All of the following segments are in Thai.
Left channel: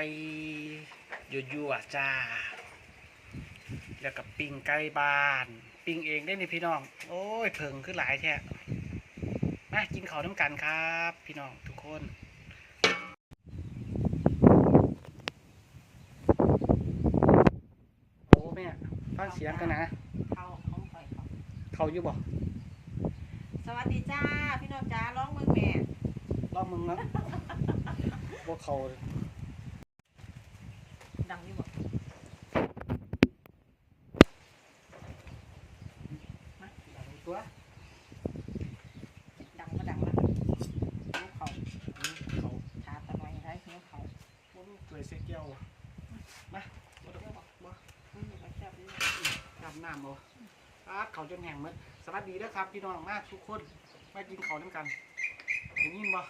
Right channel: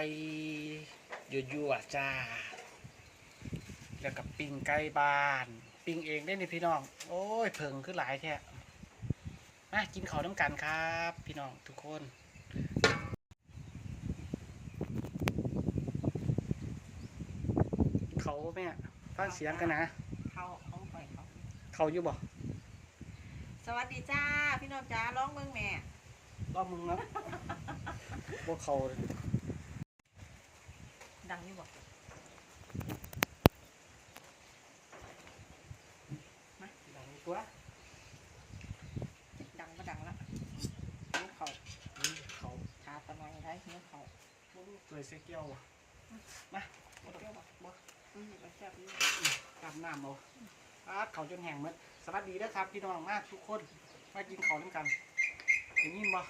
อกปลอกไก่ยั่วๆจ้า แล้วกับปิ้งไก่บ้าน ปิ้งเองได้นี่พี่น้อง โอ้ยเผิงขึ้นหลายแท้มากินข้าวน้ำกันครับ พี่น้องทุกคนเขาแม่ฟังเสียงกันนะเขาของข่อยเขาเขาอยู่บ่สวัสดีจ้า พี่น้องจ้าร้องเมืองแม่รอบมึงนะบ่เขา เลยดังอยู่บ่มาดังตัว ดังมาดังละนิ้วเขาอืมเขาชาตะนอยได้นิ้วเขาบ่มีตัวเสียเกี้ยวอะมาบ่เปรี้ยวบ่บ่อืมก็แซ่บดีอาบน้ำเอาอาเขาจนแห้งหมดสวัสดีนะครับพี่น้องมากทุกคน มากินข้าวด้วยกันได้ยินบ่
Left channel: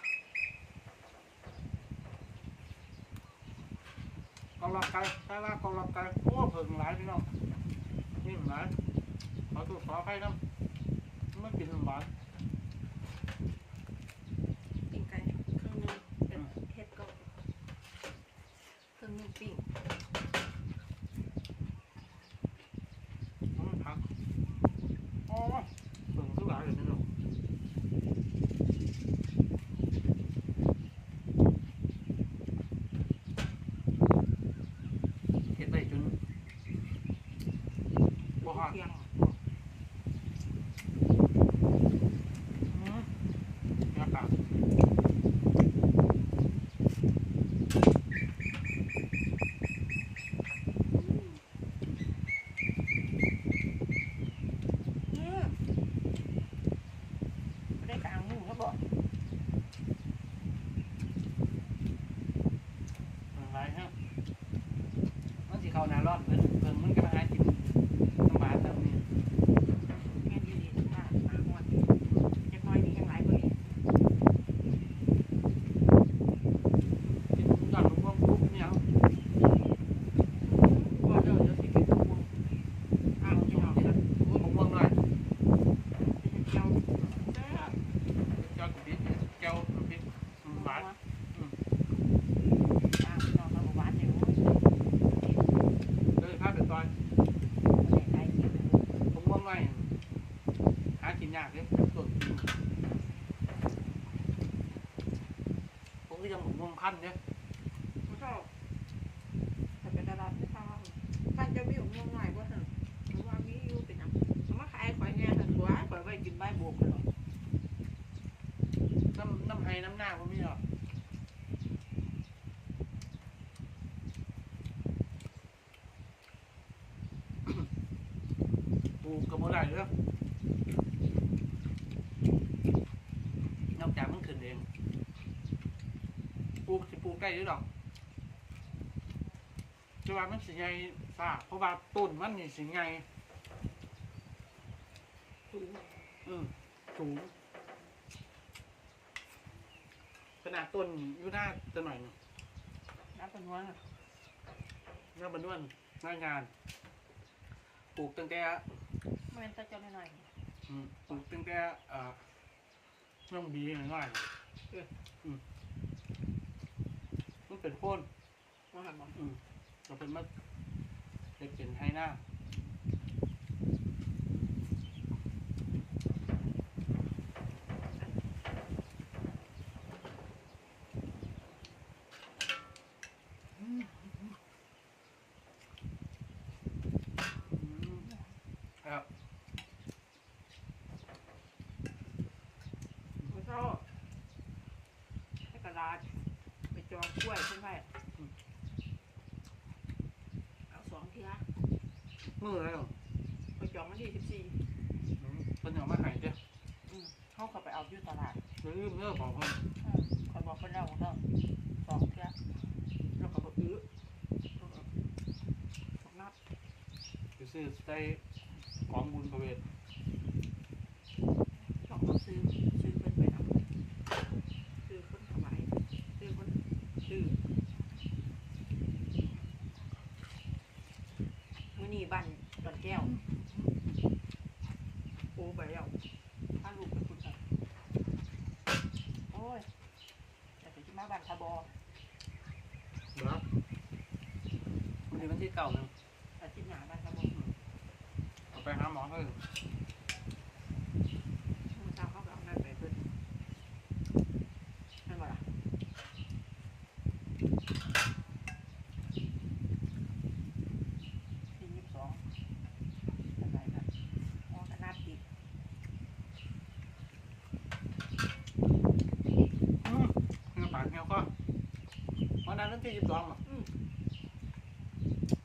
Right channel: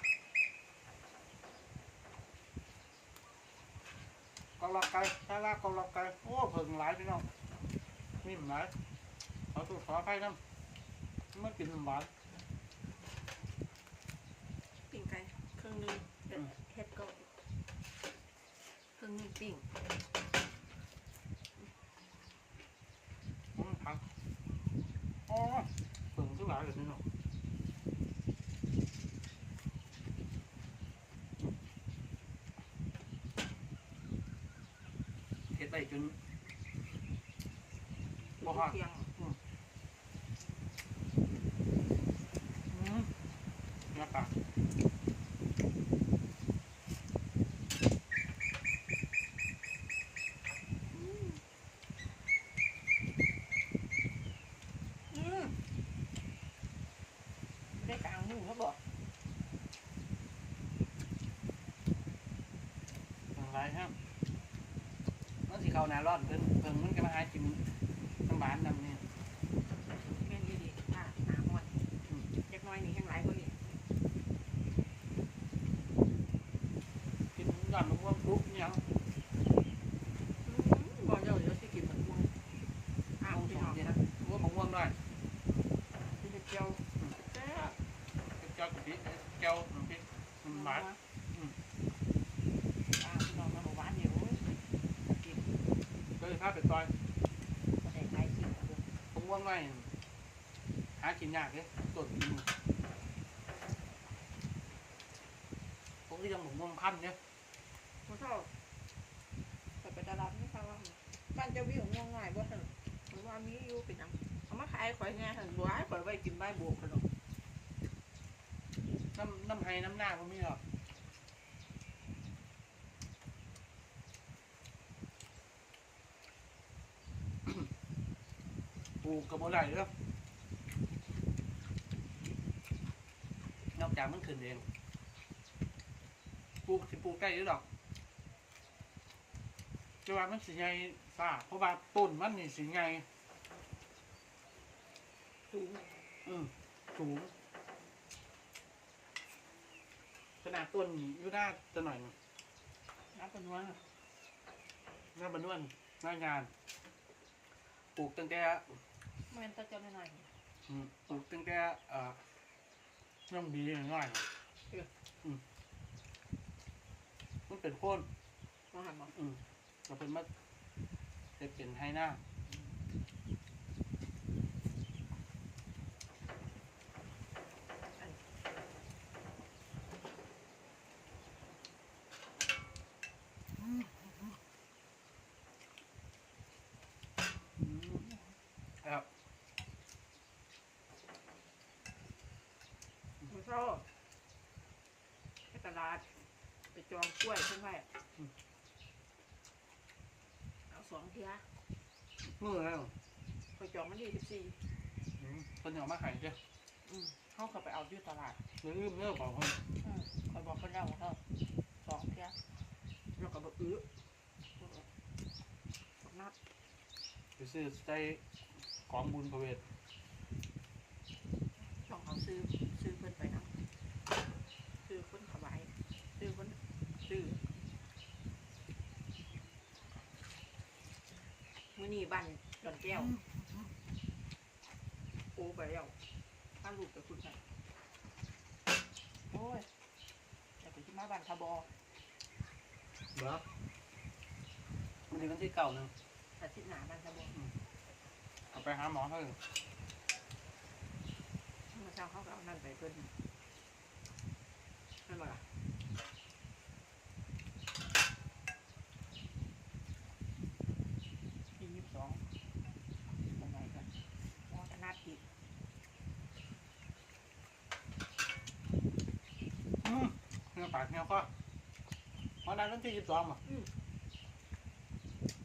กองรอบไก่ถ้าลากองรอบไก่โอ้เพิ่งหลายพี่น้องนี่หลายขอตัวขออภัยน้ำมันกินหวานปิ้งไก่เครื่องนึงเป็นเฮ็ดก็เครื่องนึงปิ้ง อืมครับอ๋อเพิ่งขึ้นหลายเลยพี่น้องเห็ดไปจนบ่ฮอด เที่ยง อืมอากาศ อืมได้กลางมือแล้วบ่ อะไรครับมันสิ เข้าหน้ารอดเพิ่นเพิ่งมันก็มาหากินน้ำบานน้ำนี่แม่นอยู่ดีหน้าหน้าฮ้อนจักหน้อยนี่แห้งหลายเบิ่งกินน้ำมะม่วงปุ๊บเนี่ยบ่เดี๋ยวเดี๋ยวสิกินตะปูอ้าวพี่น้องมะม่วงหน่อยเป็นเจียวแซ่บเจ้าดิเจ้าพริกน้ำบาน อ้าวพี่น้องมาหวานอยู่ เลยถ้าเป็นซอยบ่ได้ใครกินมะม่วงหน่อยหากินยากเลยสดจริงผมก็ยังมะม่วงพันเนี่ยบ่ชอบแต่เป็นตลาที่ทางบ้านจะวิวง่วงง่ายบ่ซั่นมันว่ามีอยู่เป็นหยังเอามาขายข่อยแน่ซั่นบ่ให้ข่อยไว้กินใบโบกกันหรอก น้ำน้ำไห้น้ำหน้าผมมีหรอก ปลูกกับโมได้เด้อนอกจากมันขึ้นเองปลูกสิปลูกได้หรือดอกแต่ว่ามันสิไงซ่าเพราะว่าต้นมันนี่สิไงสูงอืมสูงขนาดต้นนี่อยู่หน้าจะหน่อยหนึงน้ำเป็นวลหน้าบรรนวนหน้างาน ปลูกตั้งแต่ แม่นแตะเจ้าหน่อยอืมปลูกตั้งแต่เอ่อน้องบีง่ายๆอืมมันเป็นโค่นๆว่าหั่นบ่อืมเราเป็นมาจะเป็นไฮหน้า อืมครับ บ่ชอบไปตลาดไปจ องกล้วยเพิ่นไว้เอาสองเที่ยมือแล้วข่อยจองวันที่14อืมเป็นอย่างมาใหายเจ้ะอืมเขาก็ไปเอาอยู่ตลาดเรื่องเรื่องของคนอืมคอยบอกคนเราก็สองเที่ยแล้วก็บอกอื้อสองนัดไปซื้อใส่ของบุญประเวทสองเขาซื้อซื้อเพิ่นไปนำซื้อคนถวายซื้อคน ซื้อมื้อนี้บ้านดอนแก้วโอ้ไปแล้วถ้าลูกไปคุณกันโอ้ยแต่ไปที่มาบ้านคาบอนี้วันที่เก่าหนึ่งอาทิตย์หน้าบ้านจะบอกเอาไปหาหมอเถอะ เมื่อเช้าเขาก็เอานั่นไปเพิ่นนั่นบ่ล่ะที่ยี่สิบสองอะไรกันมองขนาดติด อืมเงี้ยปากเงี้ยก็วั นนั้นวันที่ยี่สิบสองป่ะ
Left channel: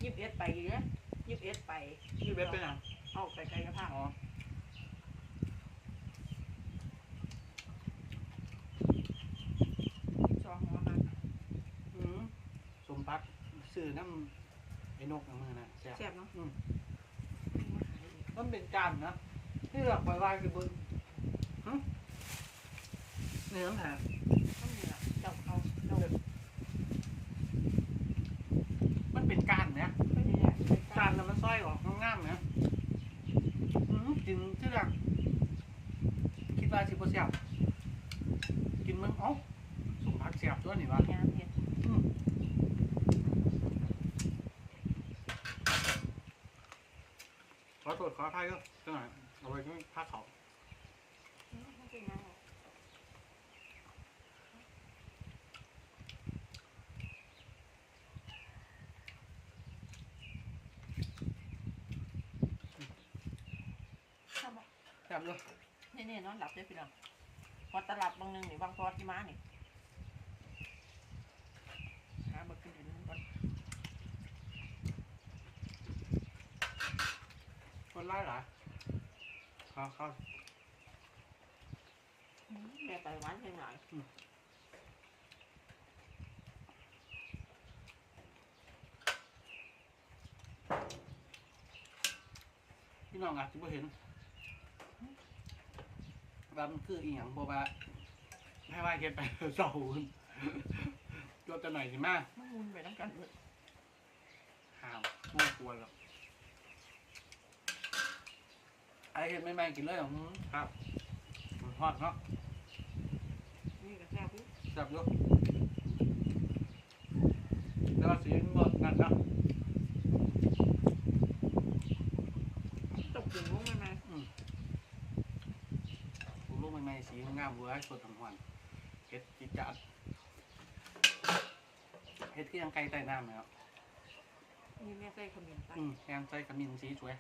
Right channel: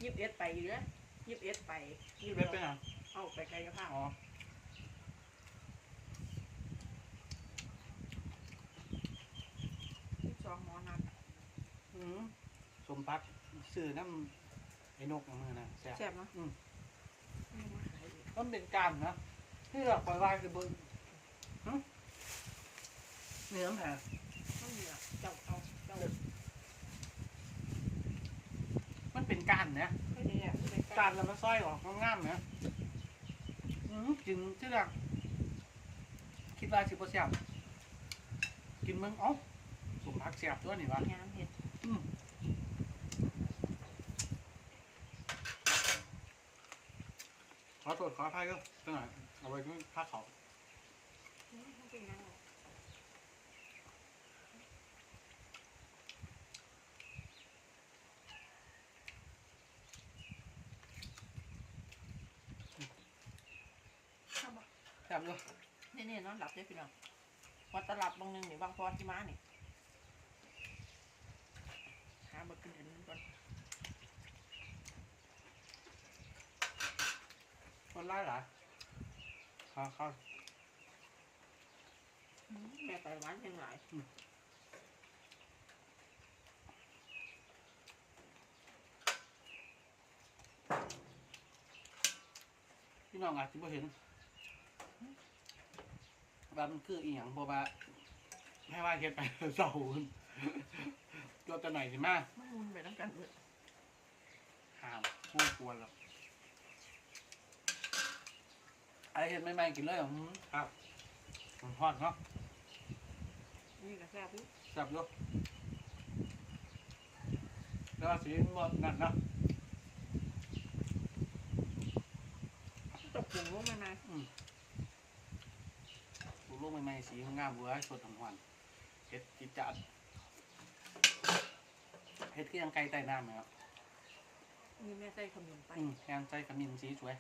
ยี่สิบเอ็ดไปอยู่นะยี่สิบเอ็ดไปยี่สิบเอ็ดเป็นยังเอาไปกายภาพอ๋อสองหมอมาอืมสมพักซื้อน้ำไอ้นกอย่างมือนะแซ่บแซ่บเนาะอืมมาขายอีกมันเป็นการนะที่หลักไปว่าคือเบิ้งฮะเนื้อแผลต้องเหนือเจ้าเขาเจ้า มันเป็นการเนี่ย เขาเนี่ยใส่ การแล้ว มันสร้อยออกงามๆเนี่ยอืมกินที่หลักคิดว่าสิบเปอร์เซ็นต์กินมึงเอ้าสมพักเสียบตัวนี่วะงามเห็ดขอโทษขออภัยก็จังหน่อยเอาไว้ก็ผ้าเขาว อืมมันเป็นยังไง ครับ แซ่บเลย นี่นี่น อนหลับได้พี่น้องวัดตลับบางนึงนี่บางพอที่ม้านี่หาเบิกขึ้นเดี๋ยวนั้นก่อนคนไล่หรอเขาเขาแม่ไปหวานเพียงพี่น้องอาจจะไม่เห็น ว่ามันคืออีหยังเพราะว่าไม่ว่าเฮ็ดไปเศร้าขึ้นตัวจะหน่อยสิมามันมุนไปทั้งกันเลยห่าวกูกลัวหรอกไอเห็นไม่ไม่ๆกินเลยเหรออืมครับมันฮอดเนาะนี่ก็แซ่บปุ๊บแซ่บอยู่แล้วาสีงดนั่นเนาะตกถึงลงมานะปลู กลูกใหม่ๆสีงามเว้ยสดทั้งวันเฮ็ดจิจัดเฮ็ดคือยังไก่ใต้น้ำไหมครับนี่แม่ใส่ขมิ้นไปอืมแกงใส่ขมิ้นสีสวย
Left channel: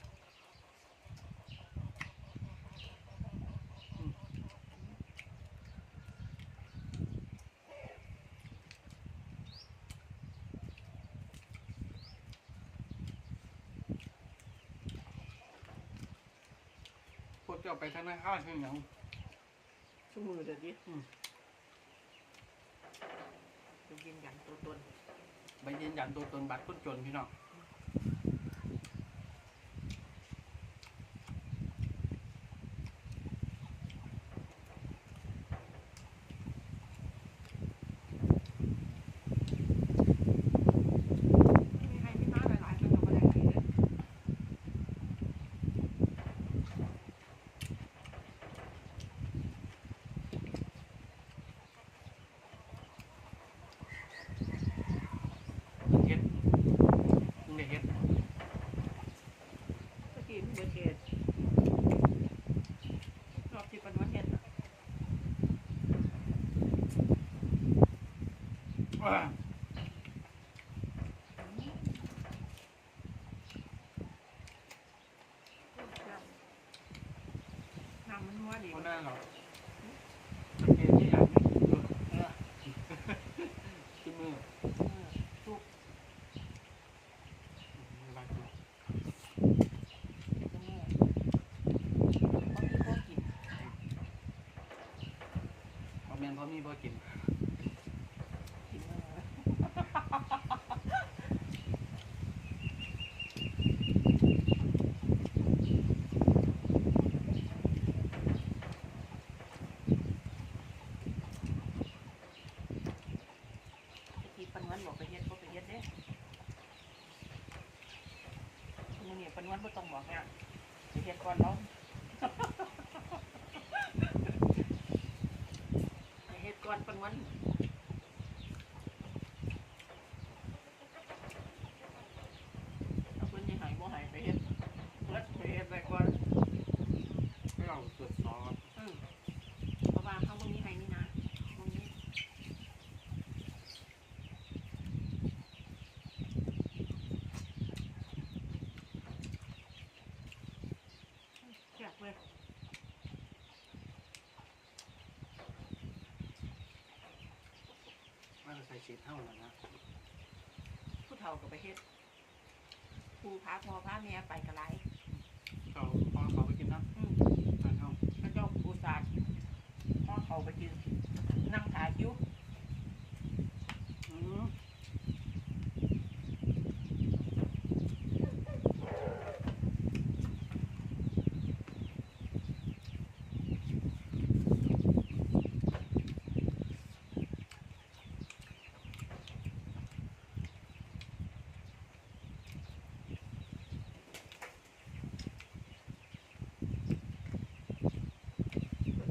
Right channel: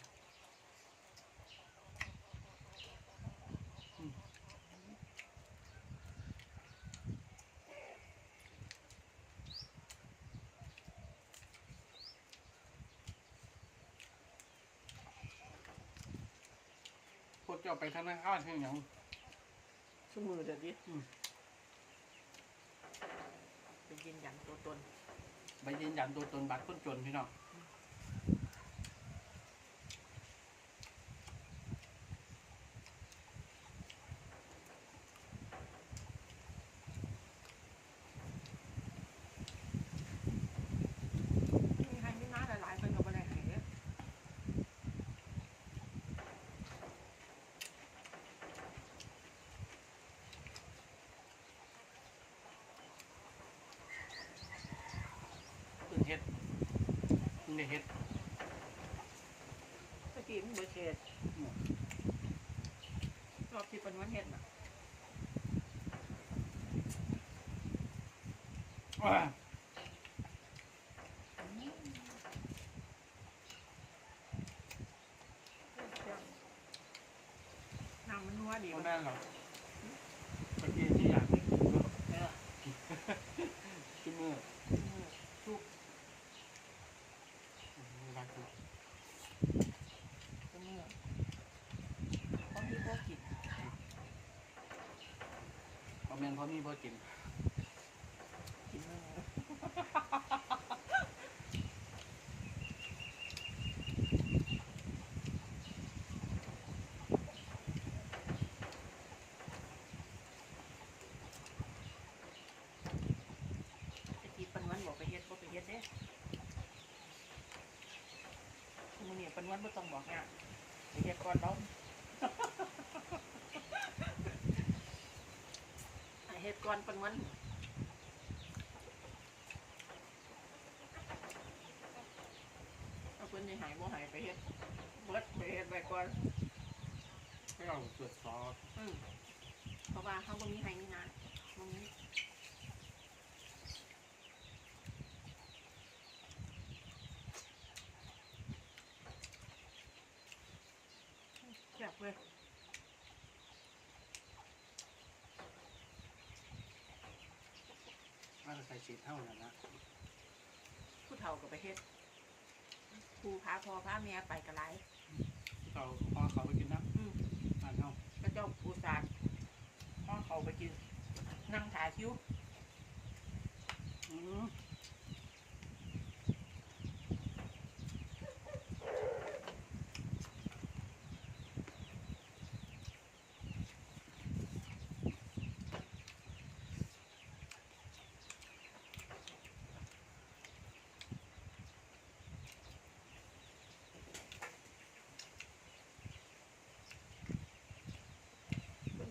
อืมพวกเจ้าไปธนาคารเช่นหยัง สมือเดี๋ยวดิอืมจะยืนยันตัวตน ไปยืนยันตัวตนบัตรคนจนพี่น้อง มีใครไม่มาหลายๆคนกับอะไรไหนเลย เพิ่งเฮ็ดเพิ่งได้เฮ็ด ก็กินเบอร์เกตรอบที่เป็นวันเห็ดอะ ว้า น้ำมันนัวดีเขาแน่หรอไปเกณฑ์ที่อยากเห็นเออขึ้นมือเออทุกนี่บ้านกูเสมอเพราะมีพวกกินเอาแมนเพราะมีพอกินกินแล้วนะตะกี้ปันวันบอกไปเฮ็ดบ่ไปเฮ็ดเด้มื้อนี้ ปนวันบ่ต้องบอกเนี่ยไปเรียก่อนเราเฮ็ดก่อนปนวัน เลยมาใส่สีเท่านั้นนะผู้เฒ่าก็ไปเฮ็ดครูพาพ่อพาแม่ไปกระไรเขาพอเขาไปกินน้อืมำทานเขาพระเจ้าปูศาสตร์พ่อเขาไปกินนั่งถ่ายคิ้ว อืม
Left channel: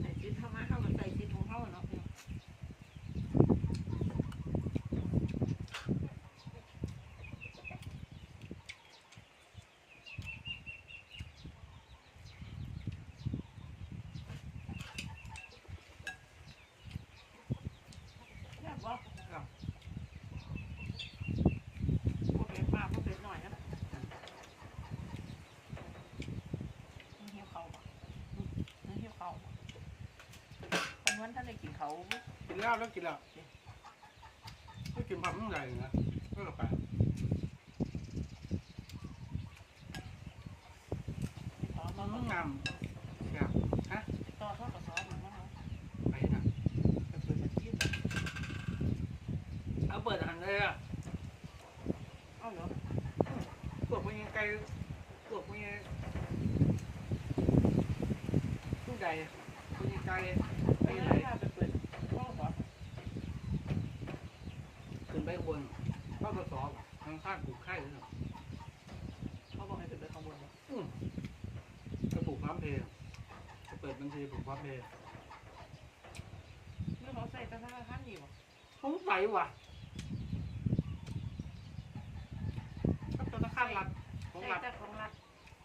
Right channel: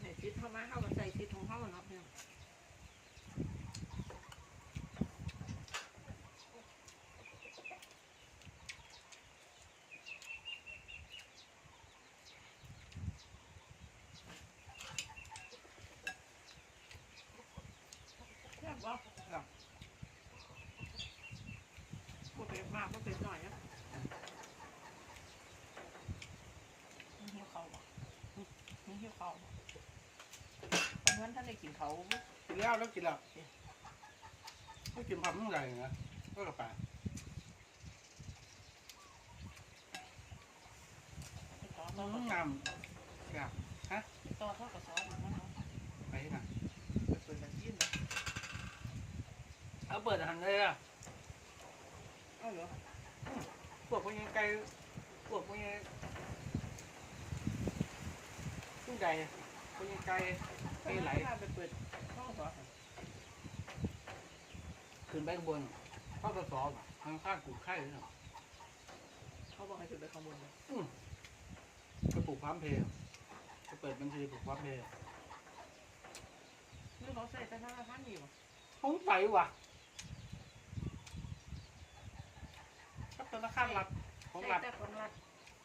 ใส่ซิดเข้ามาเข้ามาใส่ซิดของเข้าเนาะพี่น้องแซ่บบ่ครับบ่เผ็ดมากบ่เผ็ดหน่อยนะมันหิวข้าวบ่มันหิวข้าวบ่วัน วันท่านได้กินเขาวบ่กินแล้วแล้วกินแล้วไม่กินผักต้องใหญ่นะก็กระแปะติดต่อมัเขานก็งามแบบติดต่อเขาก็สอนอยู่มั้งเนาะไปนะไปเปิดบัญชีนะเอาเปิดอาหารเลยอะเอาเหรอพวกพวกยังไกลพวกพวกยังทุกใดพวกยังไกล ไปไหนไปเปิดเขาก็สอนขึ้นไปข้างบนเข้ากระสอบอะทางข้างกูไข่เลยเนาะเขาบอกให้ขึ้นไปข้างบนเลยอืมจะปลูกพร้อมเพย์จะเปิดบัญชีปลูกพร้อมเพย์นี่เขาใส่ธนาคารอยู่บ่สงสัยว่ะก็ธนาคารรัฐของใส่รัฐแต่ของรัฐ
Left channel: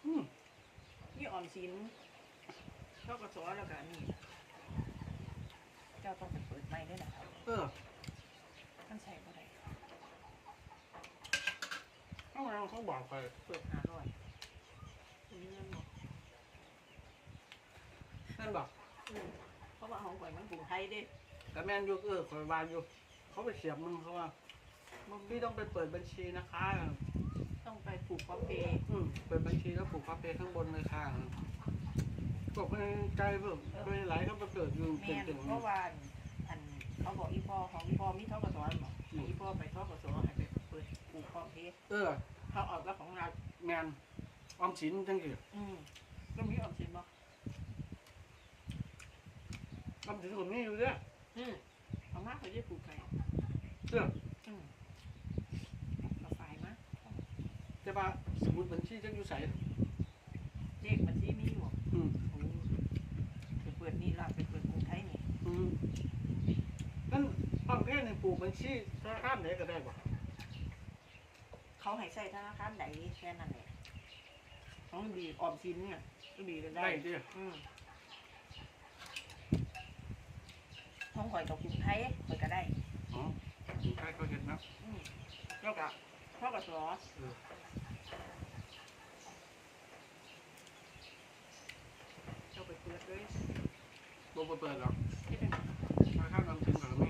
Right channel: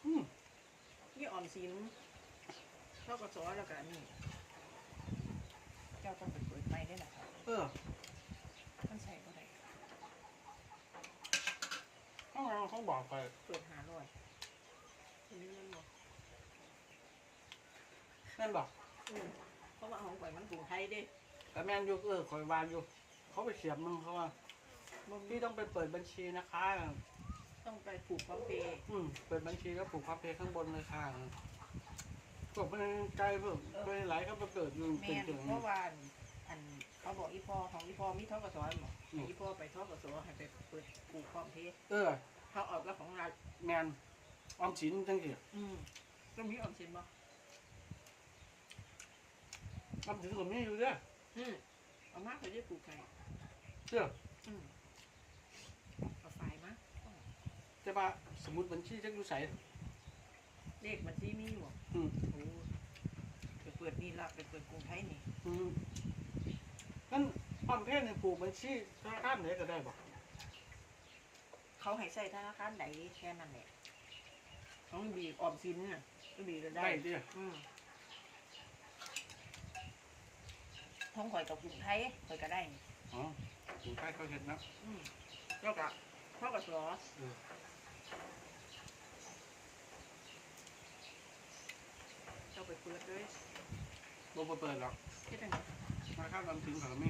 อืมนี่ออมสินเขาก็สอนแล้วก็อันนี่ เจ้าต้องไปเปิดใหม่ได้หรอครับเออมันใส่บ่ได้เขาเขาบอกไปเปิดหาร้อยอันนี้มันบอกนั่นบอกอืมเพราะว่าของข่อยมันกรุงไทยเด้แต่แมนอยูเออคอยวานอยู่ เขาไปเสียบมึงเขาว่าบ่มีพี่ต้องไปเปิดบัญชีนะคะ ต้องไปผูกพร้อมเพย์อืมเปิดบัญชีแล้วปลูกพร้อมเพย์ข้างบนเลยค่ะ พวกมันไกลเพิ่มโดยไหลเขาไปเปิดอยู่แม่เป็นนถึงเพราะว่าอันเขาบอกอีพ่อของอีพ่อมีทกศบอกให้อีพ่อไปทกศให้ไปเปิดผูกพร้อมเพย์เออ เขาออกแล้วของรัฐแมนออมสินจังสิอืมก็มีออมสินบ่ออมสินก็มีอยู่เด้ออืมเอามาเขาจะผูกไข่เด้ออืมเอาไฟมาจะมาสมุดบัญชีจังอยู่ใสเลขบัญชีมีอยู่บ่ อืม โอ้ไปเปิดนี่ล่ะไปเปิดกรุงไทยนี่ อืมนั่นพร้อมเพย์นี่ปลูกบัญชีธนาคารไหนก็ได้บ่เขาให้ใช้ธนาคารใดแค่นั้นแหละของบีออมสินน่ะก็บีก็ได้ได้เด้ออืมท้องข่อยกับกรุงไทยข่อยก็ได้ อ๋ออยู่ใกล้เขาเห็นนะอืมแล้วก็พ่อกับสอ เออ เจ้าไปเปิดเลย บ่เปิดหรอกเฮ็ดจังไดธนาคารออมสินก็มี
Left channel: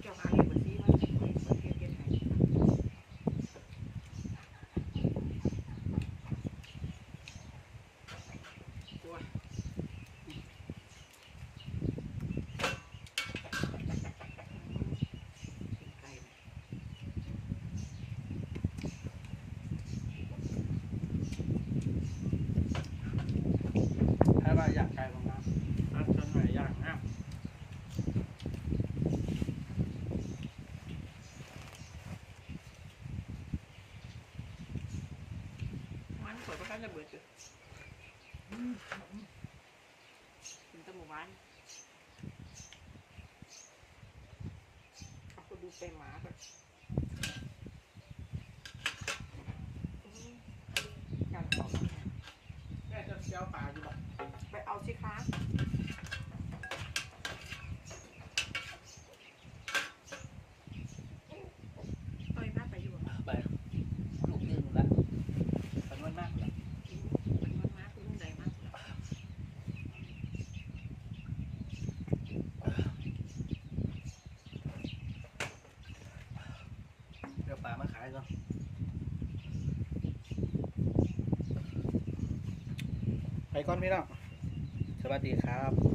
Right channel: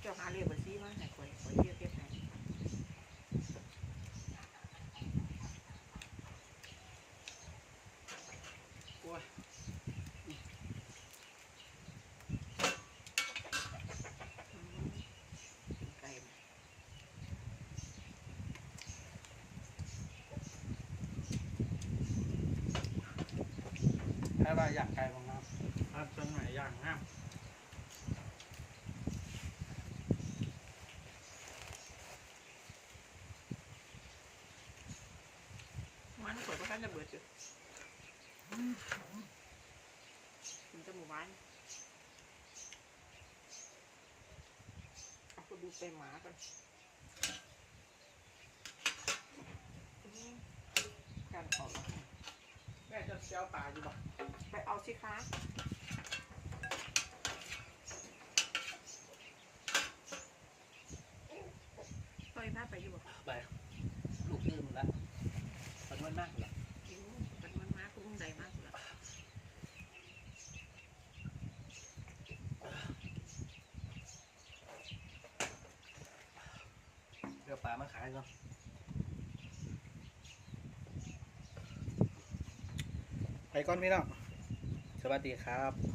เจ้าหาเลขบัญชีมาให้ข่อยข่อยเฮ็ดเฮ็ดให้โอ้ยอืมเป็นไก่ไหมถ้าว่าอยากไกลของน้ำอันต้นไหนอยากงาม มันข่อยก็ทันจะเบิดอยู่อืมเป็นตะหมู่บ้าน เอาไปดูไปหมาก่อนอืมการขอมาแค่จะเชียวปลาอยู่บ่ไปเอาสิคะไปพาไปอยู่บ่ ไปลูกยืนละมันมันมากเลย เป็นมันมาคุณลุงใดมากสุดละายแล้วไปก่อนพี่น้องสวัสดีครับ